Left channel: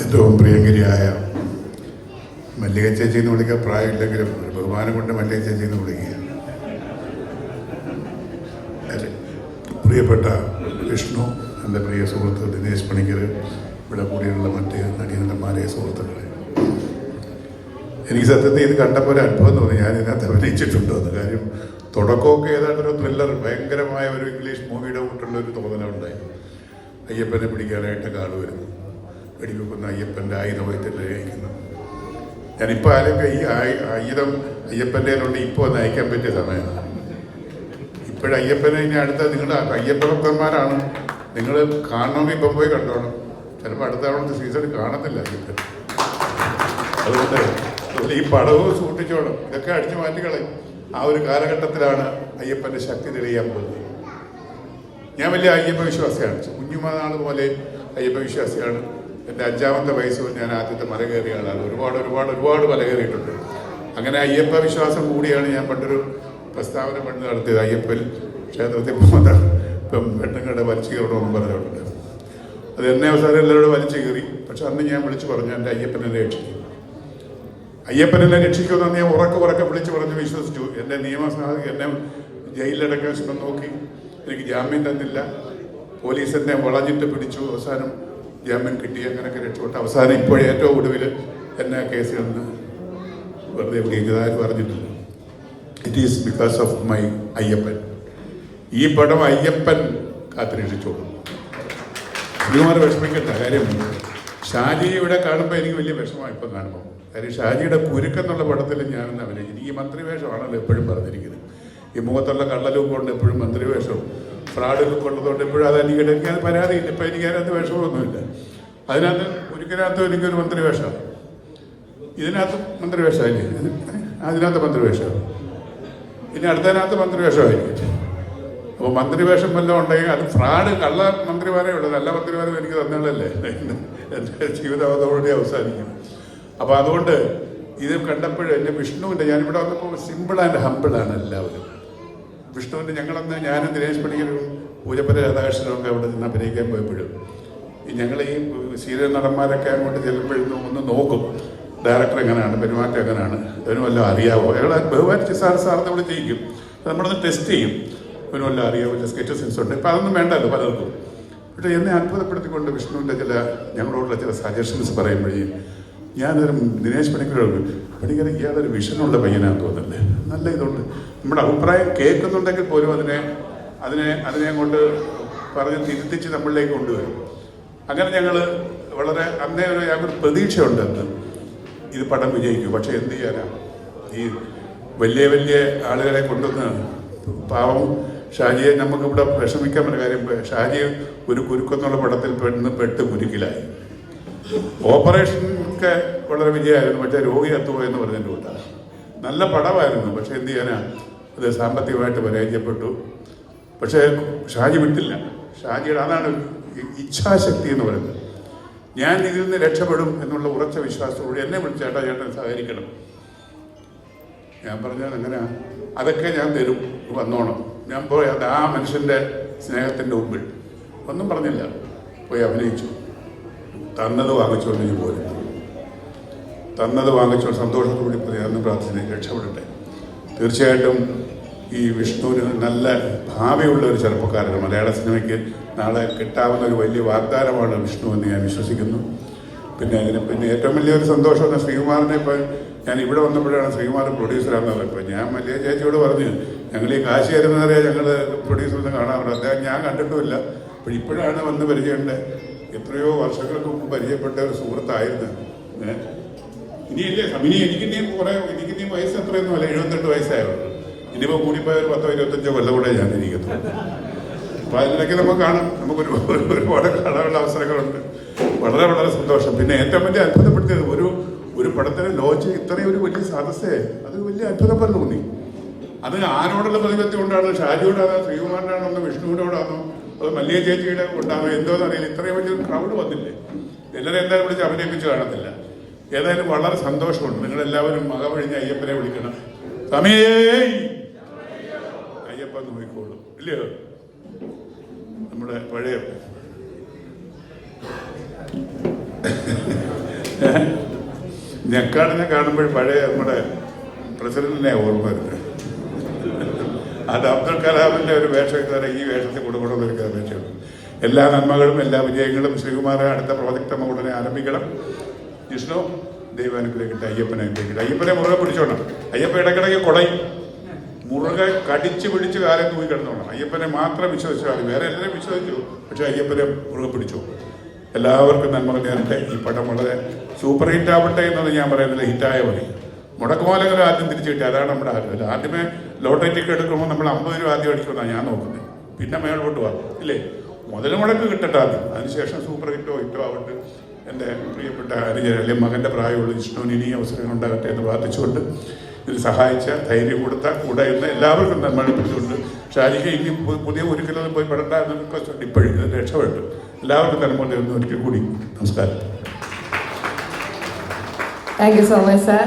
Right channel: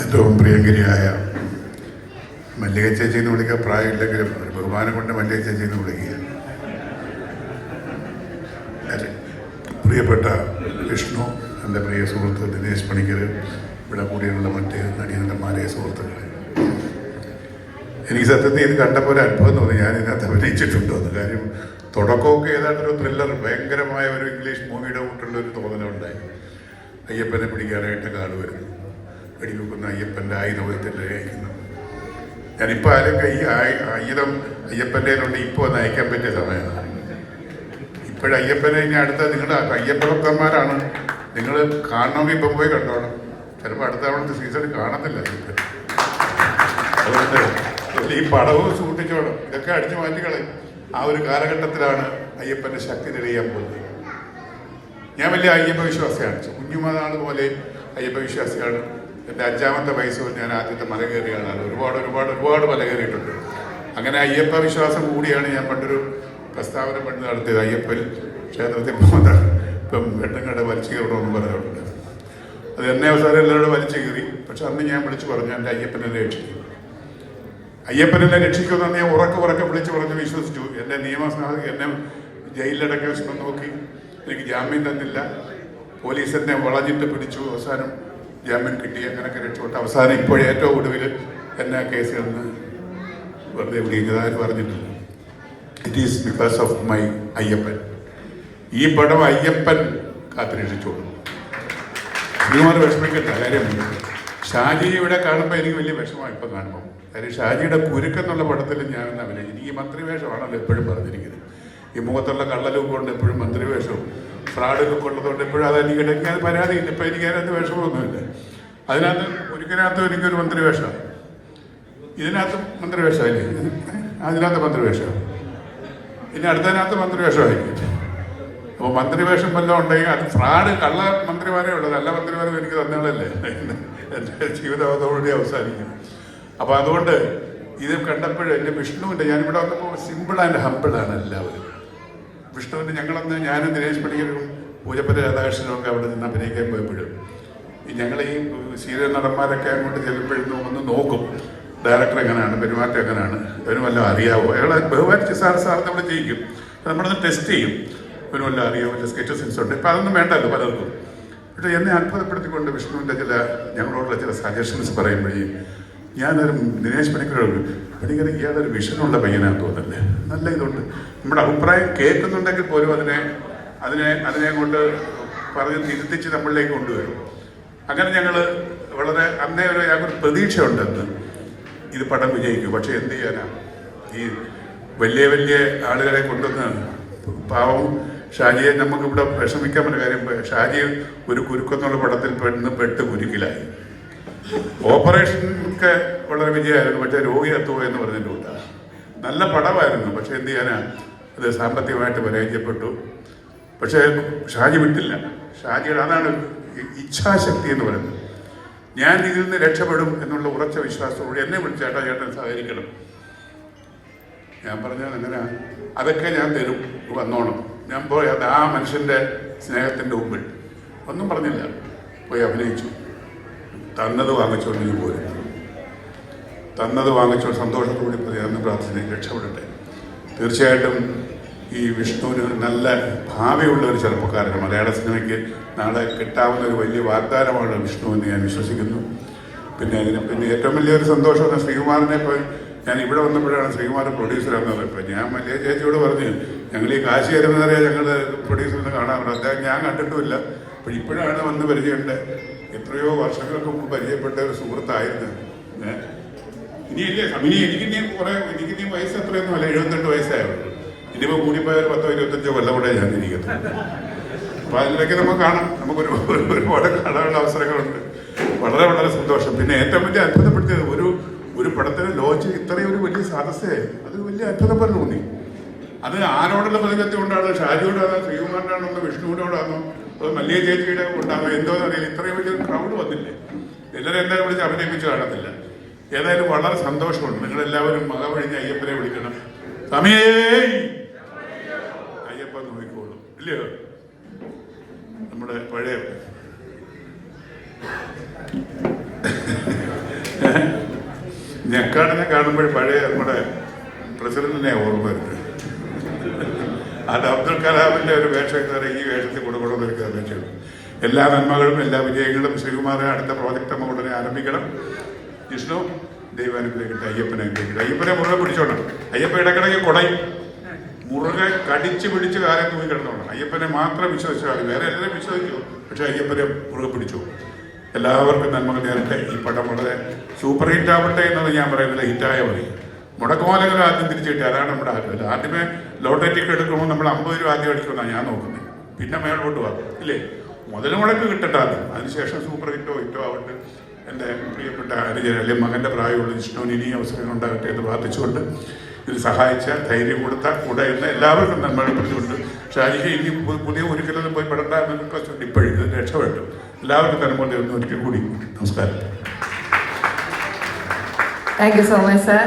ഏറ്റവും പ്രിയങ്കരിയായ മല്ലിക ചേച്ചി എന്ന് വിളിക്കാൻ പ്രായമില്ലെങ്കിലും ഒരു ബഹുമാനം കൊണ്ട് മല്ലിക ചേച്ചി എന്ന് വിളിക്കുക പ്രിയപ്പെട്ട വിഷ്ണു എന്റെ പ്രിയ സുഹൃത്ത് ദിനേശ് പണിക്കർ ഇവിടെ കൂടിയുള്ള മറ്റ് നടീനന്ദന്മാരെ സുഹൃത്തുക്കൾ എനിക്ക് സത്യത്തിൽ ഇത് കണ്ടപ്പോൾ ഒരു അത്ഭുതം തോന്നി. ഞാൻ ഇതിനകത്ത് അഭിനയിച്ചിട്ടുണ്ടോ. എന്ന് കാര്യം തുടക്കമൊക്കെ ഏതാണ്ട് ഒരു ത്രില്ലർ ഭയങ്കരമായ ഒരു ഇംഗ്ലീഷ് മൂവിയുടെ കൂട്ടുള്ള ഒരു തോന്നലുണ്ടായി. അയ്യപ്പനെ പിടിക്കാനായിട്ട് കാട് വരുന്നു. വെടിവെക്കുന്ന അയ്യപ്പന്റെ ആയുധത്തിൽ അയക്കുന്നു ഞാനിപ്പോൾ ആലോചിക്കുക ഈ ആയുധം അയ്യപ്പന്റെ കൊണ്ട് ഇപ്പോൾ ഒന്ന് അയക്കാൻ പറ്റിയ സമയമാണ് ഇപ്പോഴും അയ്യപ്പനെ ഇനി അടുത്ത നിങ്ങളുടെ അയ്യപ്പഭക്തന്മാരാണ്. നിങ്ങൾ കാണണമെങ്കിൽ ഇപ്പം പോയി കണ്ടോണം. ചിലപ്പോൾ അടുത്ത തവണത്തെ സീസൺ കാണത്തില്ല അതുകൊണ്ട് ഈ പടവും സൂക്ഷിച്ചോണം. ഇതൊക്കെ അടിച്ചു മാറ്റിക്കളയും ആ ഒരു കാലഘട്ടത്തിലാണ് അയ്യപ്പന്റെ ശക്തി തെളിയാൻ പോകുന്നത്. ഞാൻ വലിയ അയ്യപ്പ വിശ്വാസിയാണ് കുഞ്ഞുമാതാണ് പോലെ അയ്യപ്പ വിശ്വാസിയാണ് എന്റെ അഞ്ചാമത്തെ വയസ്സിൽ ഞാൻ ആദ്യത്തെ മല കയറിയ ആളാണ് ഒരുപാട് ഒരുപാട് ഒരുപാട് മല കയറിയിട്ടുണ്ട്. അങ്ങനെ അയ്യപ്പ വിശ്വാസം കൂടിയാണ് ഞാൻ പണ്ടൊരു പ്രസ്താവന പണ്ട് നടത്തിയത്. അയ്യപ്പൻ ക്ഷേത്രത്തിൽ പോകുന്ന ഇപ്പം വെട്ടങ്ങളുടെ വലിച്ചു കയറണമെന്ന് പറഞ്ഞിട്ടുണ്ട്. അത് എന്നെ അവസാനം എല്ലാവരോടും വലിച്ചു കയറി. പക്ഷെ അന്ന് ഞാൻ വിളിച്ചു പറഞ്ഞു എന്റെ അയ്യപ്പനെ രക്ഷിക്കും. അയ്യപ്പനെ രക്ഷിക്കുമെന്ന് ഞാൻ ഉറക്കെ ഉറക്കെ വിളിച്ചു പറഞ്ഞ് വിശ്വസിച്ചു. എന്റെ നിയമസഭ എന്നെ ജയിലിലടക്കി നോക്കി. എനിക്ക് ജാമ്യം തന്നില്ല. പോലീസ് എന്നെ വളഞ്ഞിട്ട് പിടിച്ചു. അവസാനം ജാമ്യം കിട്ടി അങ്ങനെയൊക്കെ രക്ഷപ്പെട്ട്. അവസാനം ഇപ്പോഴും ഏറ്റവും ഒടുവിൽ എന്നെ കേസ് കണ്ട് വെറുതെ വിളിക്കുന്നതായി പറഞ്ഞിട്ടില്ല it is because of my Ayyappan. ഈ പടം അയ്യപ്പൻ കാത്തുരക്ഷിച്ചോളൂ. ശ്രീകുമാർ വിഷമിക്കട്ട കാര്യം ഷാജി ഇവിടെ കാണുമ്പോൾ എനിക്ക് വലിയ വിഷമമാണ് ഇപ്പം കാണുമ്പോൾ കാര്യം ഷാജിയുടെ കുരുക്കെന്നുള്ള പടത്തിൽ ഞാൻ അഭിനയിച്ചു ഈ മന്ത്രി വേഷമാണല്ലോ എപ്പോഴും പറഞ്ഞിരിക്കുന്നത്. ഈ മുഖത്തുള്ള കള്ളലും കൊണ്ട് എപ്പോഴും മന്ത്രി വേഷം ഫ്രാഡൊക്കെ കൊണ്ടതുകൊണ്ട് ഇപ്പോഴും അത് എനിക്ക് എനിക്ക് പരാതിയില്ല ഇപ്പം എനിക്ക് അതിനകത്ത് വിഷമമൊന്നുമില്ല അതിനകത്ത് ഒരിക്കലകത്ത് എനിക്കൊരു മന്ത്രി വേഷമാണ് ഇതിനകത്ത് മന്ത്രി വേഷമായില്ലേ അതിനകത്ത് മന്ത്രി വേഷം ഇനി അടുത്തതിനകത്ത് മന്ത്രി വേഷമായിരിക്കും അപ്പോൾ മന്ത്രിവേഷം വല്ലതും ഉണ്ടെങ്കിൽ അത് ഫ്രാഡ് കള്ള മന്ത്രിമാരെ ഉള്ളൂ. നല്ല മന്ത്രിമാരെ എനിക്ക് തന്നാളല്ലേ? എന്റെ ജീവിതം അവസാനിക്കും. അപ്പോൾ അതുകൊണ്ട് ഇത് കണ്ടപ്പോഴും എന്റെ വിഷ്ണുവിന്റെ ഞാനിവിടെ വന്നപ്പോൾ സിമ്പിൾ ആൻഡ് ഹമ്പിളാണ് എല്ലാവരും. വിഷ്ണുവിന്റെ ഞങ്ങളൊന്ന് ഞാനും ദിനേശ് പണിക്കരും പൂജപ്പര രാധാകൃഷ്ണനൊക്കെ അവിടെ നിന്ന് അഭിനയിക്കാൻ പോയപ്പോഴും. ഈ ഞങ്ങൾ ഈ സീരിയൽ നടന്മാരൊക്കെ അങ്ങോട്ട് ചെല്ലുമ്പോഴും ഒന്ന് നോക്കും. ഡയറക്ടർ എങ്ങനെയാണ് പെരുമാറ്റം എങ്ങനെയാണ് അവന് വല്ലതും അറിയാവോ? അയാളെ ബഹുമാനിച്ച് സാർ സാർ നമ്മൾ ചെയ്യിക്കും നമ്മളൊന്ന് ടെസ്റ്റ് ചെയ്യും. അവന് വല്ലതും അറിയാവോ? സ്കെച്ച് സെൻസ് ഉണ്ട് ഇപ്പം അതൊന്നും വേണ്ടല്ലോ പലർക്കും. പക്ഷേ എന്നെ അത്ഭുതപ്പെടുത്തിക്കൊണ്ട് വിഷ്ണുവിന്റെ ചില ഞങ്ങളോടുള്ള ചില സജഷൻസ് പറയുമ്പോഴേ ഞാനൊരു ദിനേശ് പണിക്കരോട് പണിക്കർ ഇയാളൊരു വിഷനുള്ള പയ്യനാന്ന് തോന്നുന്നല്ലേ? നല്ല ഇതുണ്ട്. നമ്മുടെ അഭിപ്രായം കേൾക്കുന്നുണ്ടെങ്കിൽ പോലും അതിനെ അതിനെ അതിനെ കൊണ്ട് പറഞ്ഞ് തിരുത്തിച്ച് നമ്മളിലേക്ക് കൊണ്ടുവരും. അങ്ങനെ ഞങ്ങൾ വളരെ അന്നേ ഒരു ഞങ്ങൾക്ക് പ്രതീക്ഷയുണ്ടെന്ന് ഇത് പടം വിജയിക്കും. പക്ഷെ എന്ത് ചെയ്യാനാ? ഈ വലിയ വലിയ ആളുകളെ കൊണ്ടുവന്ന് പാവം ഷാജിയെ നമുക്കിവിടെ വിഷമിക്കാൻ പറ്റുന്ന കാര്യം ഷാജി ഒരു കുരുക്കെന്നുള്ള പടത്തിൽ പെട്ടെന്ന് പെട്ട് കുരുക്കിലായി. ഓപ്പറേഷൻ ഒക്കെ വളരെ വിജയമായിരുന്നു. പക്ഷേ രോഗി എത്തുമോ എന്ന് പറഞ്ഞതിന്റെ നല്ല പടമായിരുന്നു. പക്ഷെ എന്ത് ചെയ്യാനാ? അത് സാമ്പത്തികമായിട്ട് പരാജയപ്പെട്ടു. പക്ഷേ ഷാജി വിട്ടില്ല. ഷാജിയുടെ അതാണ് ഇച്ഛാശക്തി എന്ന് പറയുന്നത്. ഞാൻ ഇതിൽ നിന്ന് രക്ഷപ്പെടും എന്നുള്ള ഉറച്ച വിശ്വാസത്തോടെ എന്നെ വിളിച്ചേട്ടാ ചേട്ടൻ സഹകരിക്കണം. ഞാൻ പറഞ്ഞത് അങ്ങനെ. അതൊക്കെ ഞാൻ തരും. വന്നോണം. ഞാൻ പോയി അത് ആ മനുഷ്യന്റെ സ്നേഹത്തിന്റെ മുമ്പിൽ. ഒന്നും പറഞ്ഞില്ല. പോയി അഭിനയിച്ചു. തന്നത് വാങ്ങിച്ചുകൊണ്ട് ഇനി പോരും. തന്നത് വാങ്ങിച്ചുകൊണ്ട് സന്തോഷത്തോടെ പറയാമെന്ന് പ്രാർത്ഥന രക്ഷപ്പെടട്ടെ. തീർച്ചയായിട്ടും ഈ വിഷ്ണുവിന് നല്ല ഭാവിയുള്ള ഒരു ചെറുപ്പക്കാരൻ മലയാള സിനിമയ്ക്ക് നാളെ കിട്ടാവുന്ന ഒരു വലിയ വാഗ്ദാനമാണ് വിഷ്ണു എന്ന് ഞാൻ വിശ്വസിക്കുന്നു. പിന്നെ പിന്നെ ഏറ്റവും വലിയൊരു സന്തോഷമാണ് ശ്രീകുമാറിനെ ഇപ്പോൾ ഞാൻ ഇവിടെ വന്നപ്പോഴാണ് ശ്രീകുമാർ പ്രൊഡ്യൂസറാണെന്ന് ഇപ്പം ഞാൻ വലിയ ചേച്ചിയോട് പറഞ്ഞു ഞങ്ങൾ ഈ കാശി വരുന്നവരെ ഞങ്ങൾ പ്രൊഡ്യൂസറിനെ കാണാറുണ്ട് അദ്ദേഹം ഞാൻ കണ്ടിട്ടുമില്ല. അപ്പോൾ ഇപ്പോഴാണ് വന്ന് പരിചയമുണ്ട്. എത്രയോ വർഷങ്ങൾക്ക് മുമ്പ് പരിചയപ്പെട്ട ഒരു സുഹൃത്തായിരുന്നു ഇനിയല്ലേ? ഇനി എനിക്ക് ഇനി കുറെ എനിക്ക് ഇനി വയസ്സ് എത്രയൊന്നും അല്ല എഴുപത്തെട്ട് വയസ്സായുള്ളൂ. ഇനിയിപ്പോ കൂടിപ്പോയ ഒരു പത്തോ ഇരുപത്തഞ്ചോ കൊല്ലം കൂടെ ഞാൻ ഇരിക്കുന്നത് അപ്പൊ അതിലൊക്കെ നമുക്ക് കാണാം. നമുക്ക് ഒരു ഒരു- ഒരുപാട് കാണാനുള്ള അവസരങ്ങളുണ്ട്. വളരെ വളരെ സന്തോഷം. പിന്നെ ഏറ്റവും വലിയ അത്ഭുതപ്പെടുത്തിയത് ഒരു ഒരു പടത്തിന് ലോഞ്ച് ഇത്രയും ഒരു വലിയ സദസ്സേ അത് വലിയ അത്ഭുതം പറഞ്ഞു തോന്നി. അത് ആരോടുള്ള പ്രതിപത്തി കൊണ്ടാണ്? ഷാജിയോടാണോ? ശ്രീകുമാറിനാണോ? വിഷ്ണുവിനോടാണോ? അത് മല്ലിക ചേച്ചിയുടെ ഉണ്ടാവുക എന്തോ അറിയില്ല. ഇത്രയും വലിയൊരു ക്രൗഡ് വന്നില്ലേ? എല്ലാവരും എന്താ വിളിച്ച് അഭിനയിപ്പിച്ച് കാണത്തില്ല. ഏതായാലും വളരെ സന്തോഷമുണ്ട്. നിങ്ങൾ എല്ലാവരും മകവഴിഞ്ഞ് അയ്യപ്പനെ വിളിക്കണം. സമയേ! അയ്യപ്പ നോക്കിക്കോളൂ ഇല്ലയോ? നമ്മുടെ പഴയ ഞെക്കാടിനെ കാണുമ്പോൾ പഴയ നമ്മുടെ പ്രസിഡന്റിനെ ഓർമ്മ വരുന്നത് അബ്ദുൽ വേഷം എന്ന് പറയുന്നത് ഈ വേഷത്തിൽ കൊടുക്കണമെന്ന് എനിക്ക് അപേക്ഷയുണ്ട് എല്ലാ നന്മകളും എല്ലാ വിജയങ്ങളും ശ്രീകുമാര അടുത്ത പ്രോജക്റ്റ് നമ്മൾ ഉടനെ ആരംഭിക്കണം. വിഷ്ണു ദൈവം അനുഗ്രഹിക്കട്ടെ അയ്യപ്പനെ അനുഗ്രഹിക്കട്ടെ. അയ്യപ്പനെ മുറുകെ പിടിച്ചോണം അയ്യപ്പ ഇടക്കിടയ്ക്ക് കൊടയും. മുറുകെ കടിച്ചു പിടിച്ച് കാര്യം തൂങ്ങി കിടന്നോണം. അയ്യപ്പനെ മാത്രം വിശ്വസിച്ചാൽ വേറെ എല്ലാവരും വിശ്വസിച്ചു പക്ഷെ അയ്യപ്പനെ മുറുകെ പിടിച്ചു. എല്ലാവർക്കും നന്മകൾ ഞാൻ ഈ പടം വളരെ സൂപ്പർ ഹിറ്റ് ആവട്ടെ എന്നത് ഞാൻ പറയുന്നത് ഹിറ്റായ മതി മുടക്കുമാലകൾ ആദ്യം തിരിച്ചു കിട്ടി. അതാണ് നമ്മുടെ ആഗ്രഹം. ആദ്യമേ ലോട്ടറി ടിക്കറ്റ് എടുക്കുമ്പോൾ നമ്മൾ അമ്പത് രൂപ ആദ്യം എടുക്കുന്നതാണ് ഞാൻ നോക്കുന്നത്. പിന്നെ മേളോട്ട് പോവാം. ഇല്ലേ? മുതൽ മുടക്ക് കിട്ടട്ടെ അതിനുശേഷം സൂപ്പർ ഹിറ്റോ ഹിറ്റോ ആവട്ടെ. എന്റെ പ്രിയപ്പെട്ട അനുജൻ അല്ലെങ്കിൽ മകന്റെ പ്രായമുള്ള വിഷ്ണുവിന് ഇനി അവസരം ഉണ്ടാകട്ടെ എന്ന് പ്രാർത്ഥിച്ചുകൊണ്ട് ഇതിൽ സഹായിച്ച ധൈര്യം കൊടുത്ത കൂടെ ഇന്ന് എല്ലാവർക്കും നന്മപ്പെടുന്നുണ്ട് ഷാജിക്ക് ഇനി പുതിയ ഒരിക്കലും പോയി പെടണ്ടെന്നൊക്കെ ഇപ്പോഴും ഇത് രക്ഷപ്പെട്ടു. എല്ലാവർക്കും നന്മ ഒരിക്കൽ കൂടി നമസ്കാരം. Thank you so much sir